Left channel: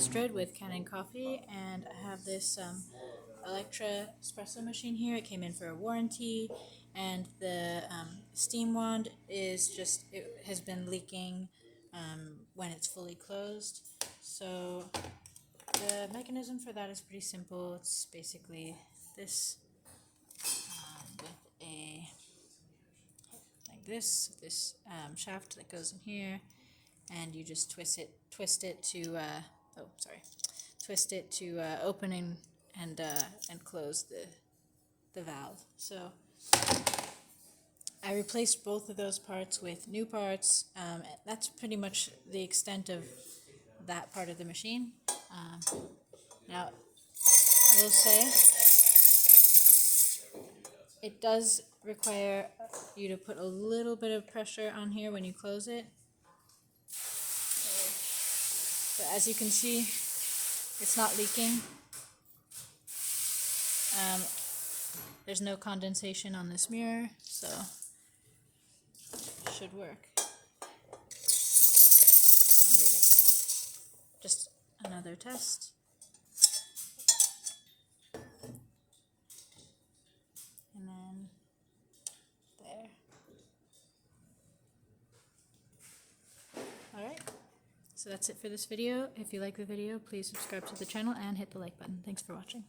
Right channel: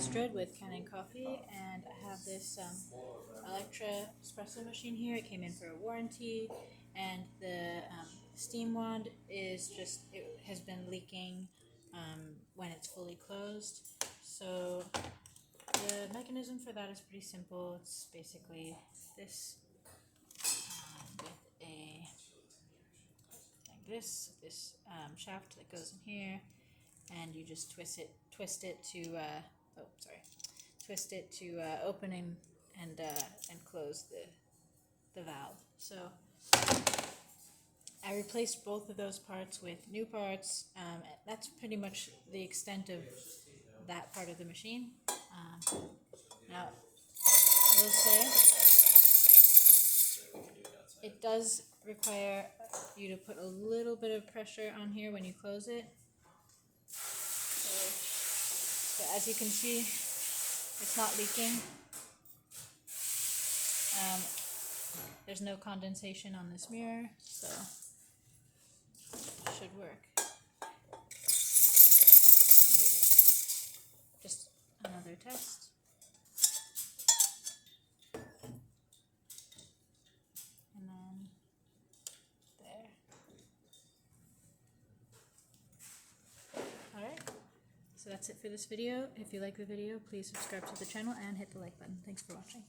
Astrid with Kanen Coffee, and I have this Elekra Espresso machine here. It came in for a warranty, and the steam wand it has been leaking when it's fully closed. So the mechanism for that is pretty simple. It's basically this with a like this shaft that goes in here, and you just twist it to open and close the valve. So I replaced both of those parts with new parts. That's pretty much the extent of that part of the machine. Now, I will say it does require you to put a little bit of pressure on here when you close it. But as you can see, it's not leaking. There's no condensation on this mirror, so it should work. There you go. Just another test. And then there. Alright, so that's it for this video. If you like the video, please subscribe to the channel and hit the like button. Thanks for watching.